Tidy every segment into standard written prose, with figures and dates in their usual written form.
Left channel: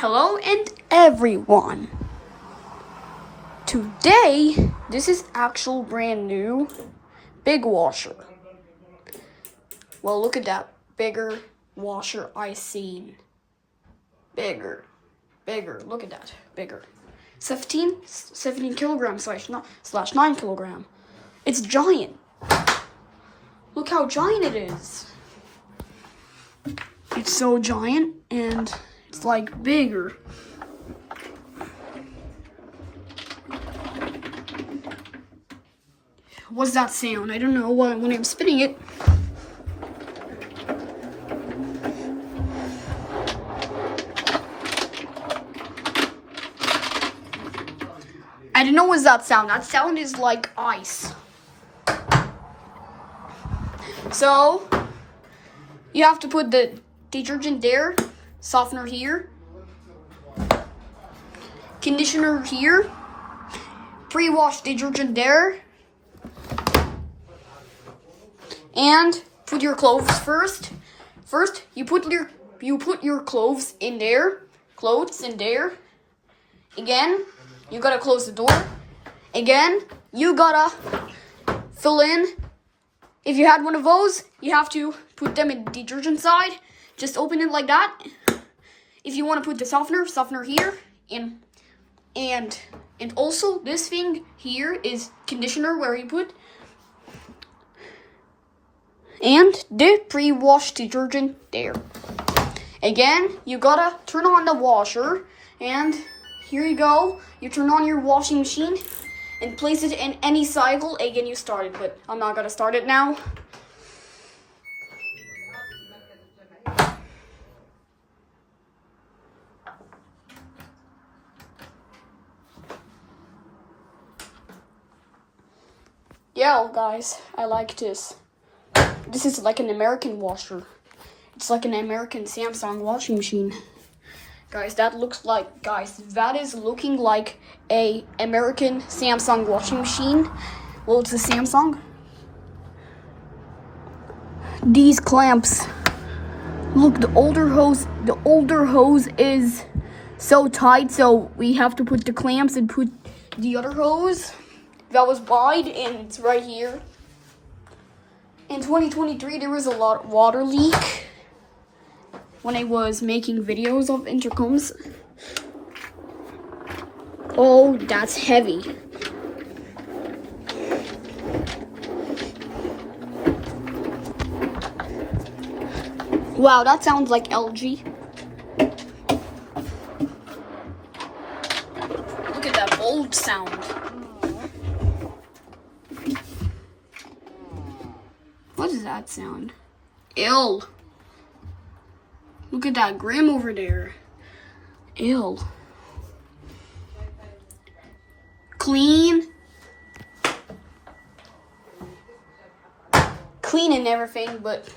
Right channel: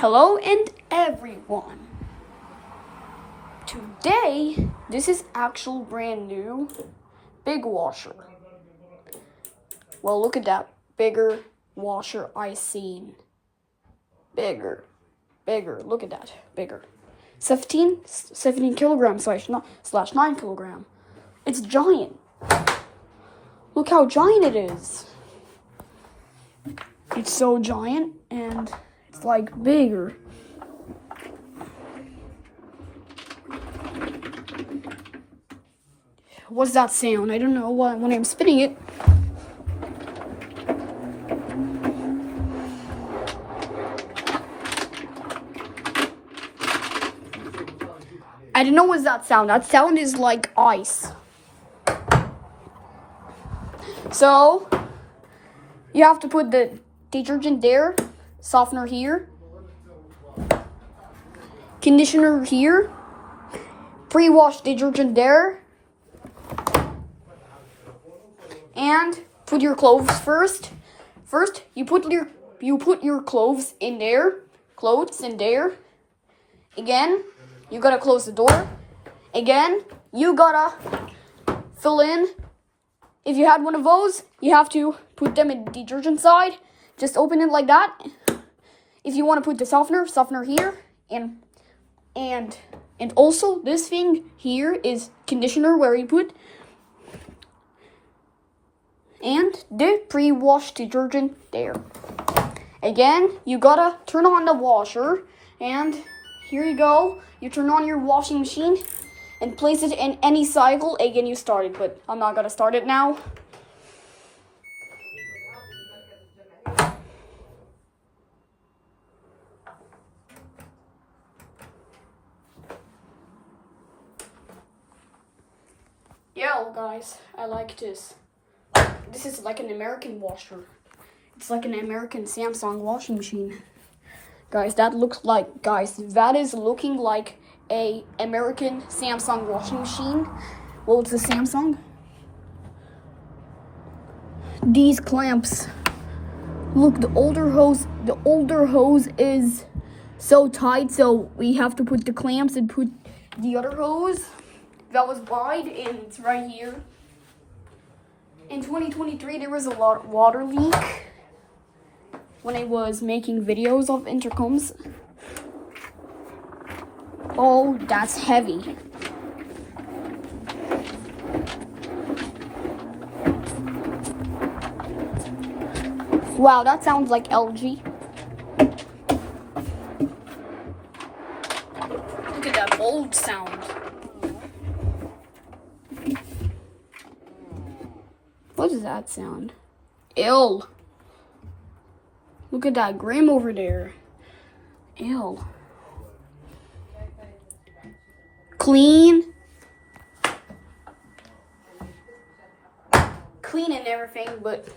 Hello and everyone. Today, this is actual brand new big washer. Well, look at that bigger washer I seen. Bigger, look at that, bigger. 17 kilograms slash 9 kilogram. It's giant. Look how giant it is. It's so giant and it's like bigger. What's that sound? I don't know when I'm spinning it. I don't know what's that sound. That sound is like ice. So, you have to put the detergent there, softener here, conditioner here, pre-wash detergent there, and put your clothes first. First, you put your clothes in there, Again, you gotta close the door. Again, you gotta fill in. If you had one of those, you have to put them in the detergent side. Just open it like that. If you want to put the softener here, and also this thing here is conditioner where you put, and the pre-wash detergent there. Again, you gotta turn on the washer, and here you go. You turn on your washing machine and place it in any cycle. Again, you start it, but I'm not gonna start it now. Yeah, guys, I like this. This is like an American washer. It's like an American Samsung washing machine. Guys, that is looking like a American Samsung washing machine. Well, it's a Samsung. These clamps. Look, the older hose is so tight, so we have to put the clamps and put the other hose that was wide, and it's right here. In 2023, there was a lot of water leak when I was making videos of intercoms. Oh, that's heavy. Wow, that sounds like LG. Look at that bold sound. What does that sound? Ill. Look at that Grim over there. Ill. Clean and everything, but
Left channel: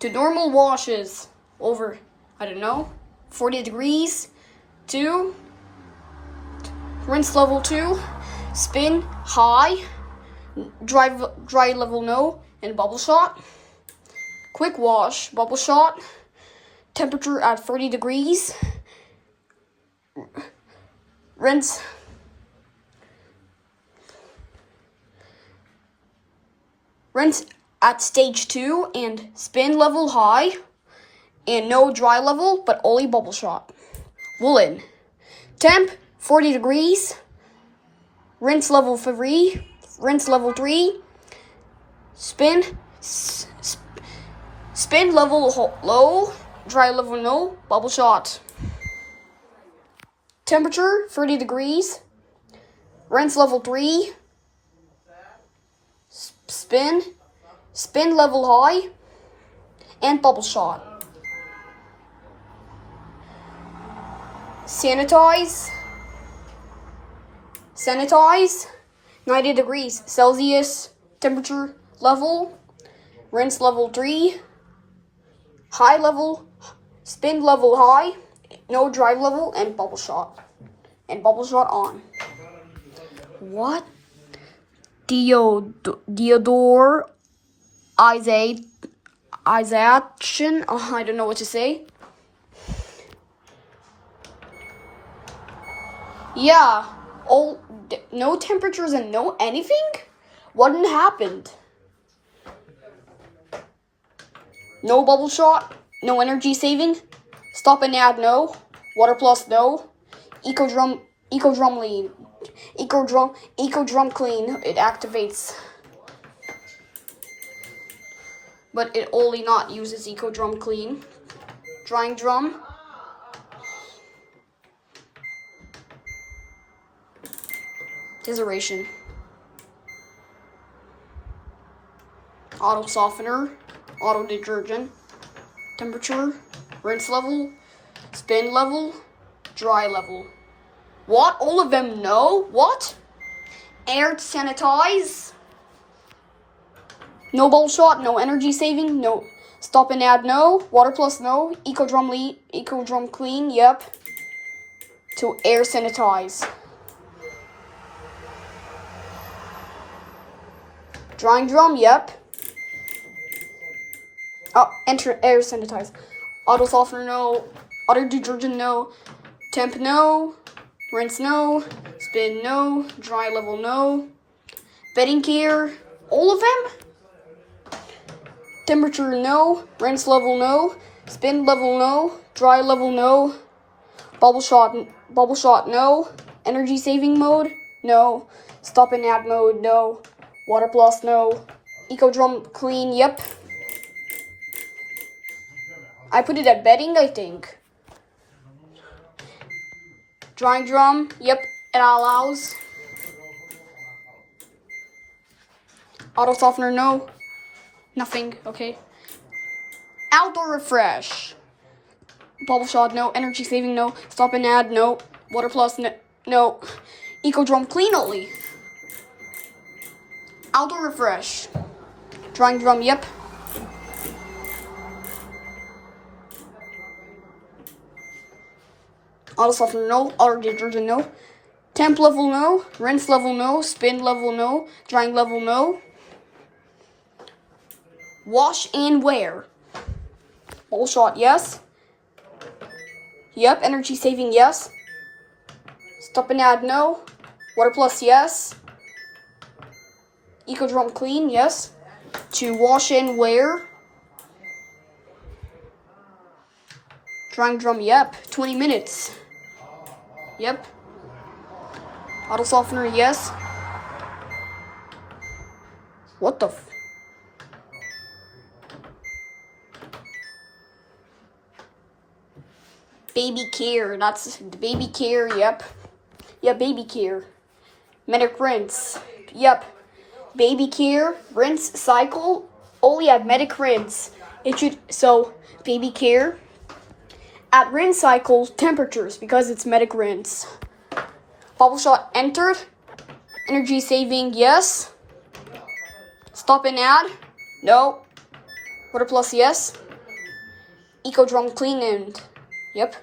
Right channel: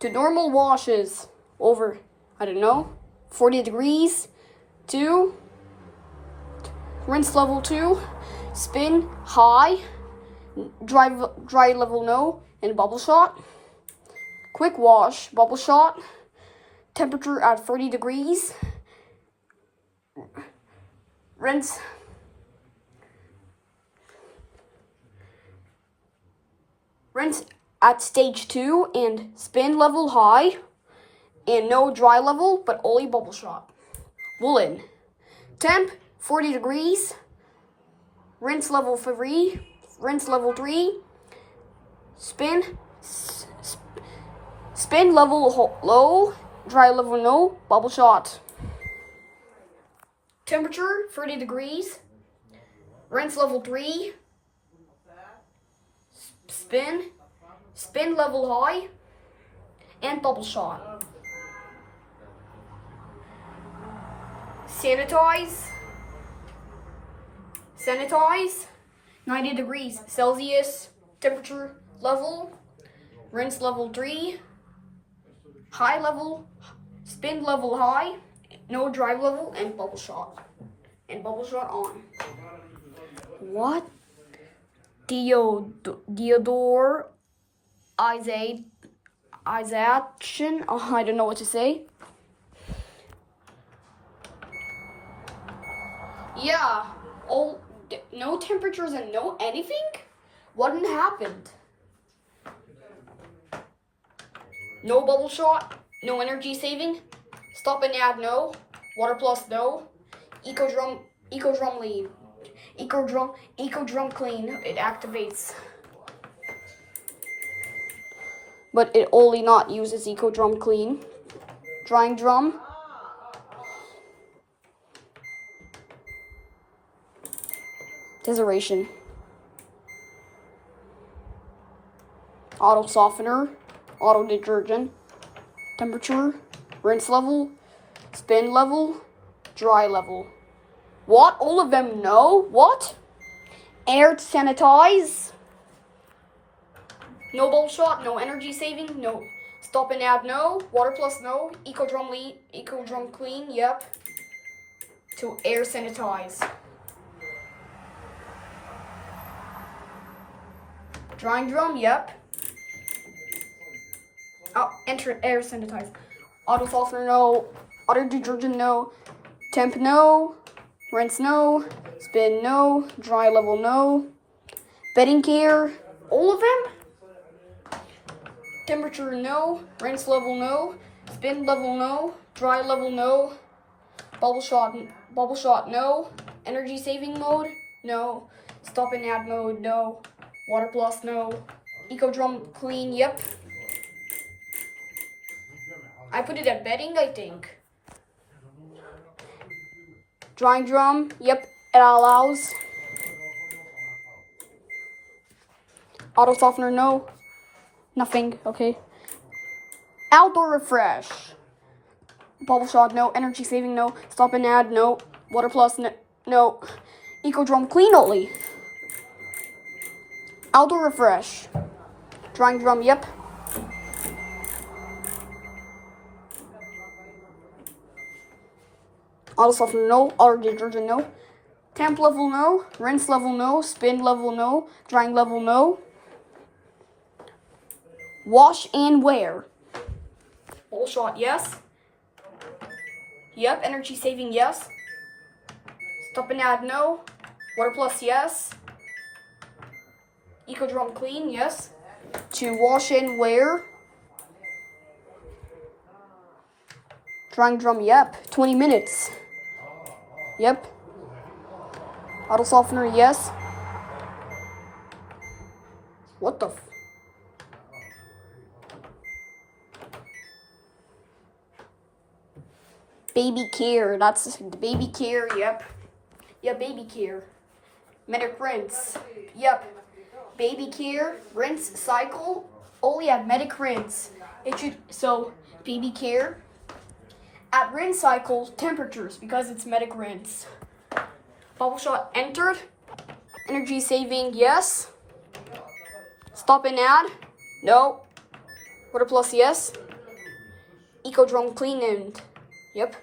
to normal washes over, I don't know, 40 degrees, to rinse level 2, spin high, dry level no, and bubble shot. Quick wash, bubble shot, temperature at 40 degrees. Rinse at stage 2 and spin level high, and no dry level, but only bubble shot. Woolen. Temp 40 degrees. Rinse level 3. Spin level low, dry level no, bubble shot. Temperature 30 degrees. Rinse level 3. Spin level high, and bubble shot. Sanitize 90 degrees Celsius temperature level. Rinse level 3. High level, spin level high, no dry level, and bubble shot. And bubble shot on. What? Theodore Isation. Oh, I don't know what to say. Yeah, no temperatures and no anything? What happened? No bubble shot, no energy saving, stop and add no, water plus no, eco drum clean, eco drum clean, it activates. But it only not uses eco drum clean. Drying drum. Deseration. Auto softener. Auto detergent. Temperature. Rinse level. Spin level. Dry level. What? All of them no? What? Air sanitize. No bubble shot, no energy saving, no stop and add no. Water plus no. Eco drum clean, yep. To air sanitize. Drying drum, yep. Oh, enter air sanitize. Auto softener, no. Auto detergent, no. Temp, no. Rinse, no. Spin, no. Dry level, no. Bedding care, all of them? Temperature, no. Rinse level, no. Spin level, no. Dry level, no. Bubble shot, no. Energy saving mode, no. Stop and add mode, no. Water plus, no. Eco drum clean, yep. I put it at bedding, I think. Drying drum, yep, it allows. Auto softener, no. Nothing, okay. Outdoor refresh. Bubble shot, no. Energy saving, no. Stop and add, no. Water plus, no. Eco drum clean only. Outdoor refresh. Drying drum, yep. Auto softener, no. Auto detergent, no. Temp level, no. Rinse level, no. Spin level, no. Drying level, no. Wash and wear. Bubble shot, yes. Yep, energy saving, yes. Stop and add, no. Water plus, yes. Eco drum clean, yes. To wash and wear. Drying drum, yep. 20 minutes. Yep. Auto softener, yes. What the Baby care, that's the baby care, yep. Yeah, baby care. Medic rinse, yep. Baby care, rinse, cycle, only have medic rinse. So, baby care. At rinse cycle, temperatures, because it's medic rinse. Bubble shot entered. Energy saving, yes. Stop and add, no. Water plus, yes. Eco drum clean and, yep.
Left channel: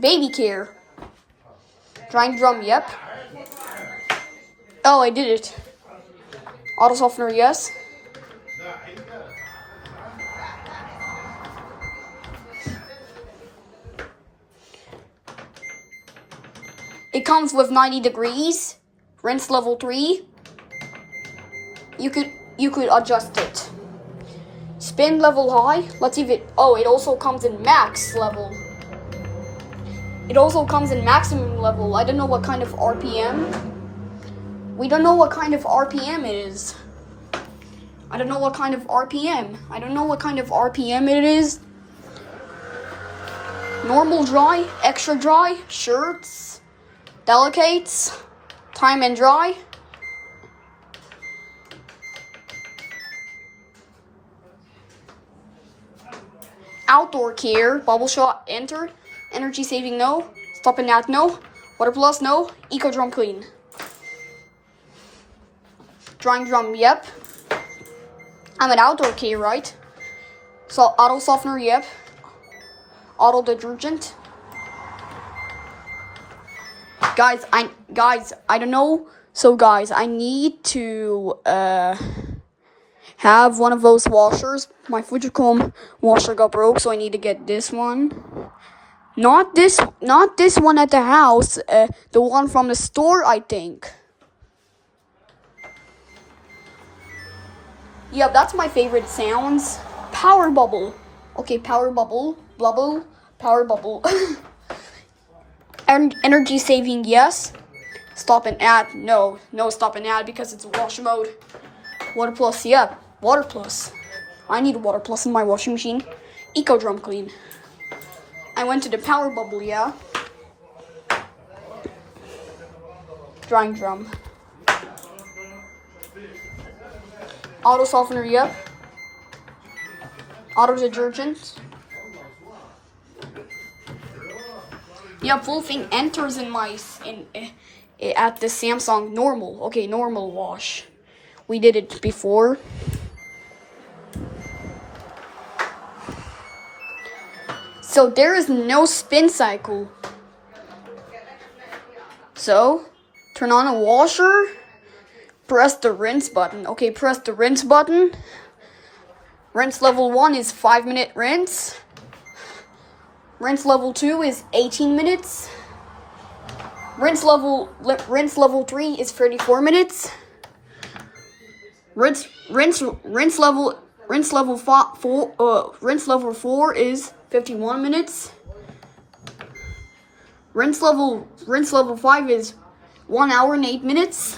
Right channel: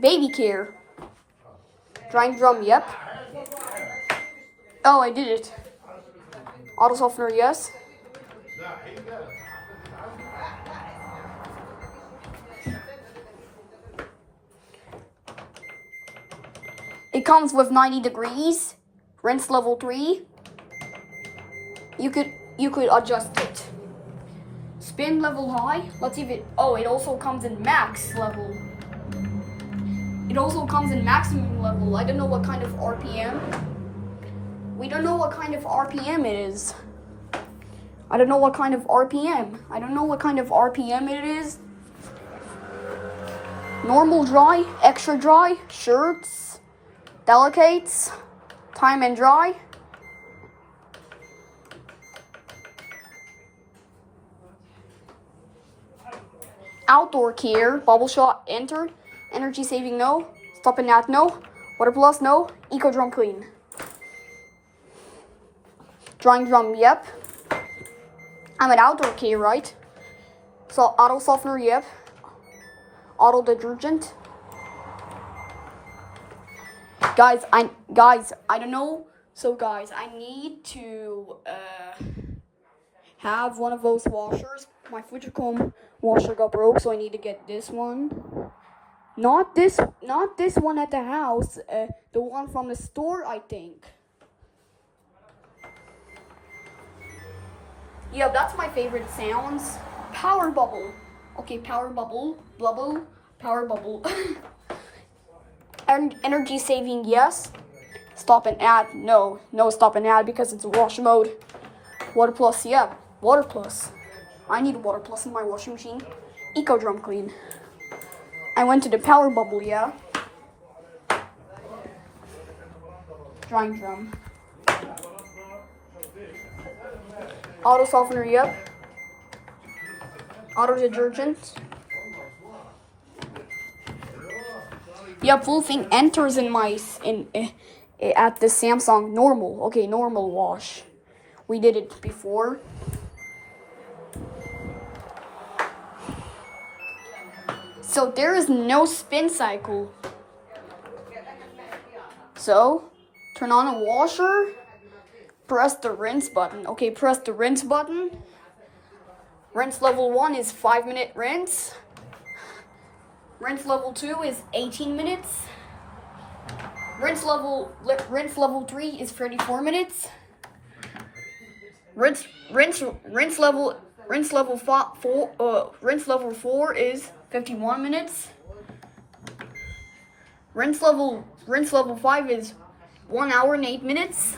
Baby care. Drying drum, yep. Oh, I did it. Auto softener, yes. It comes with 90 degrees. Rinse level 3. You could adjust it. Spin level high. Let's see if it. Oh, it also comes in max level. It also comes in maximum level. I don't know what kind of RPM. We don't know what kind of RPM it is. I don't know what kind of RPM. I don't know what kind of RPM it is. Normal dry, extra dry, shirts, delicates, time and dry. Outdoor care, bubble shot, enter. Energy saving, no. Stop and add, no. Water plus, no. Eco drum clean. Drying drum, yep. I'm an outdoor care, right? So auto softener, yep. Auto detergent. Guys, I don't know. So guys, I need to have one of those washers. My Fujicom washer got broke, so I need to get this one. Not this one at the house. The one from the store, I think. Yeah, that's my favorite sounds. Power bubble. Okay, power bubble, bubble, power bubble. And energy saving, yes. Stop and add, no stop and add because it's a wash mode. Water plus, yeah, water plus. I need water plus in my washing machine. Eco drum clean. I went to the power bubble, yeah. Drying drum. Auto softener, yep. Auto detergent. Yep, full thing enters in my at the Samsung normal. Okay, normal wash. We did it before. So there is no spin cycle. So turn on a washer. Press the rinse button. Okay, press the rinse button. Rinse level 1 is 5-minute rinse. Rinse level 2 is 18 minutes. Rinse level 3 is 34 minutes. Rinse level 4 is 51 minutes. Rinse level 5 is 1 hour and 8 minutes.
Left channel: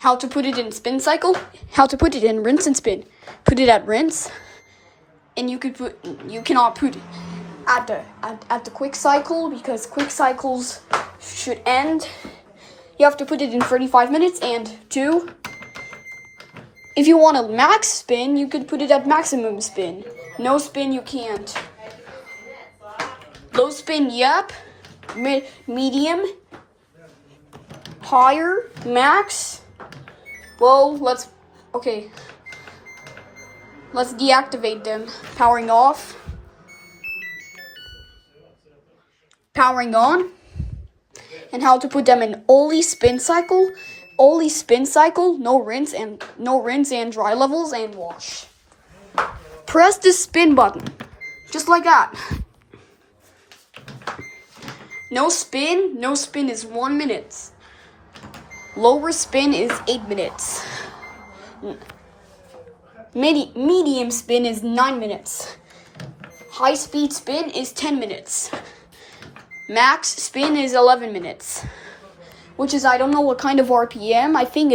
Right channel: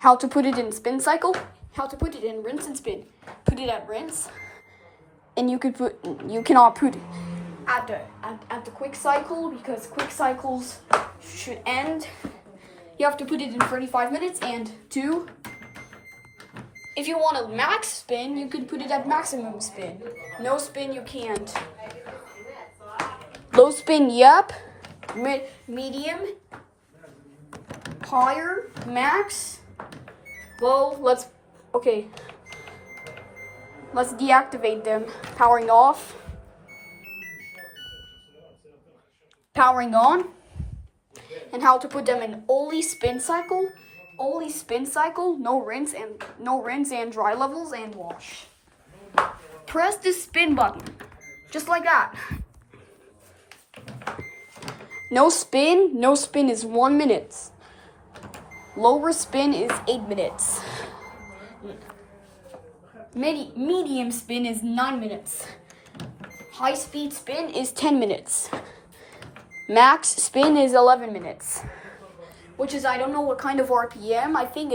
How to put it in spin cycle? How to put it in rinse and spin? Put it at rinse, and you cannot put it at the quick cycle because quick cycles should end. You have to put it in 35 minutes. And 2, if you want a max spin, you could put it at maximum spin. No spin, you can't. Low spin, yep. Medium, higher, max. Well, let's deactivate them. Powering off. Powering on. And how to put them in only spin cycle. Only spin cycle, no rinse and dry levels and wash. Press the spin button. Just like that. No spin is 1 minute. Lower spin is 8 minutes. Medium spin is 9 minutes. High speed spin is 10 minutes. Max spin is 11 minutes. Which is, I don't know what kind of RPM. I think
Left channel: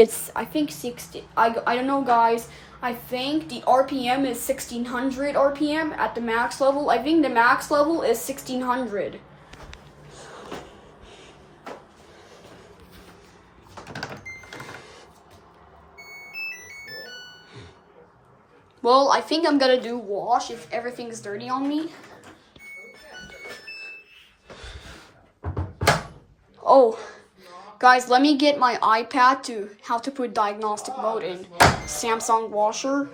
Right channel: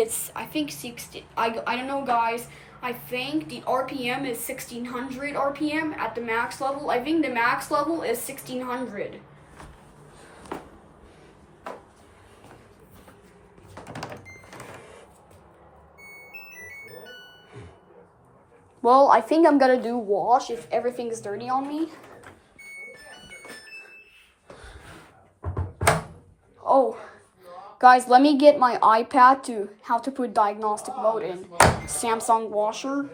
60. I don't know, guys. I think the RPM is 1600 RPM at the max level. I think the max level is 1600. Well, I think I'm gonna do wash if everything is dirty on me. Oh, guys, let me get my iPad to how to put diagnostic mode in Samsung washer.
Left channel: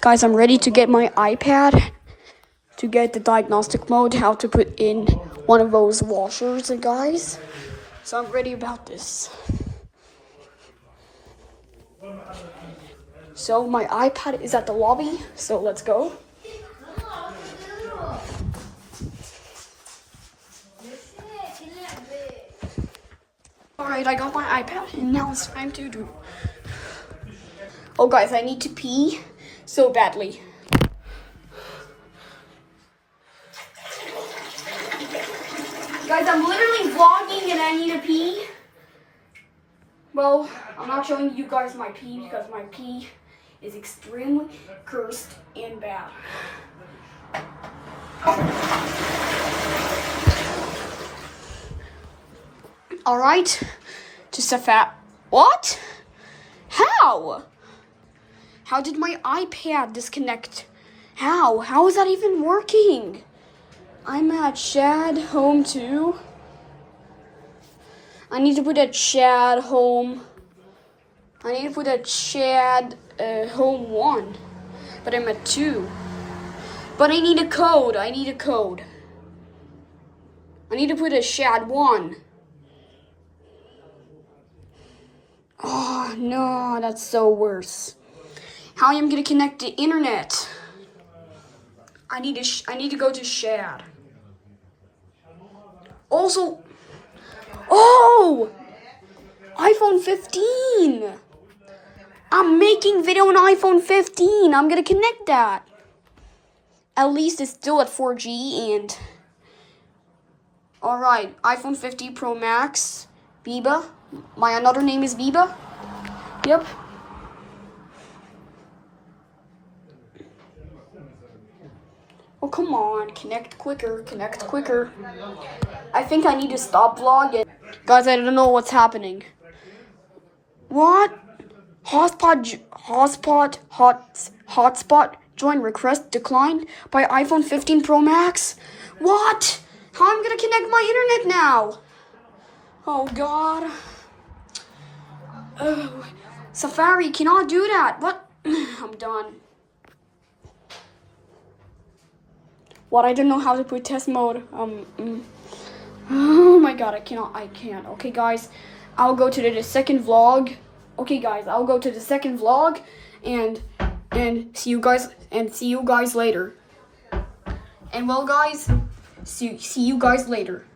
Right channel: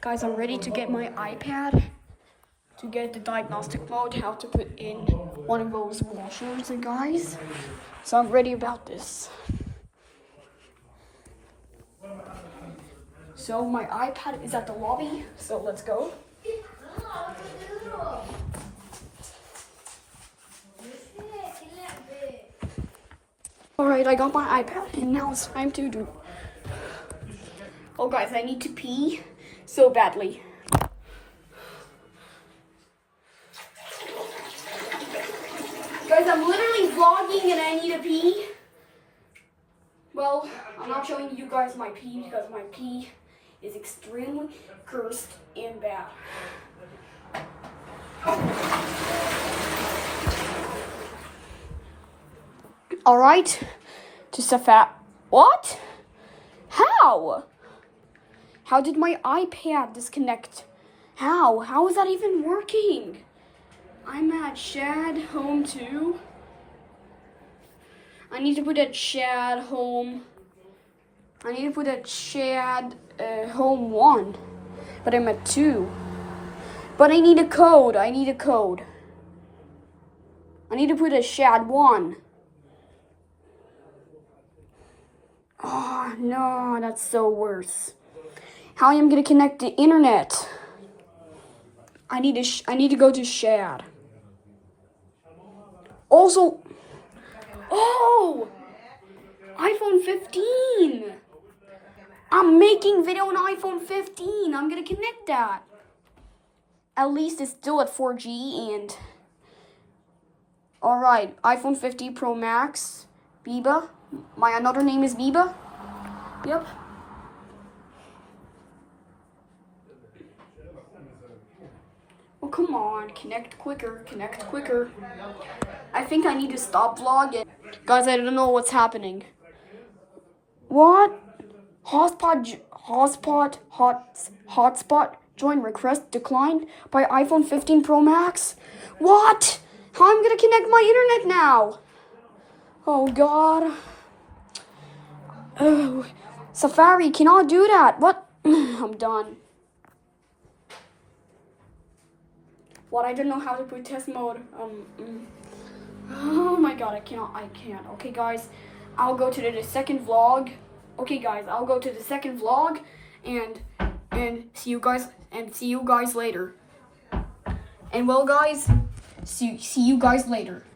Guys, I'm ready to get my iPad to get the diagnostic mode, how to put in one of those washers, guys. So I'm ready about this. So my iPad is at the lobby, so let's go. Alright, I got my iPad, and now it's time to do. Oh guys, I need to pee so badly. Guys, I'm literally vlogging and I need to pee. Well, I'm not showing you guys my pee because my pee is extremely cursed and bad. Alright, just a fat. What? How? How did my iPad disconnect? How is that even working? I'm at Shad Home 2. I need to put a Shad Home. I need to put a Shad Home 1. But I'm at 2. But I need a code. I need to put a Shad 1. Oh, no, that's so worse. How am I going to connect to internet? I need to go to Shad. Also, oh, iPhone 15. I'm making video on iPhone 15. I'm going to connect that. At least it's still at 4G and... Alright, iPhone 15 Pro Max, Biba. My another name is Biba. Yep. Oh, come on. Connect quicker. Connect quicker. I think I need to stop vlogging. Guys, I don't know what's happening. What? Hotspot join request declined by iPhone 15 Pro Max? What? How am I going to connect my internet now? Oh, God. Ugh. Safari cannot do that. What? I'm done. What? I don't know how to put test mode. Oh my God, I can't. Okay, guys, I'll go to the second vlog. Okay, guys, I'll go to the second vlog and see you guys later. And well, guys, see you guys later.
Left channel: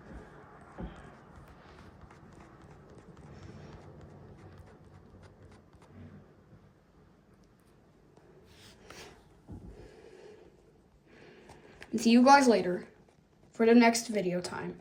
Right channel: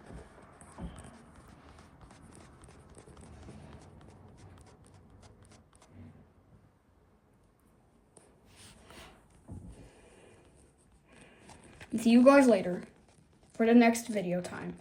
See you guys later for the next video time.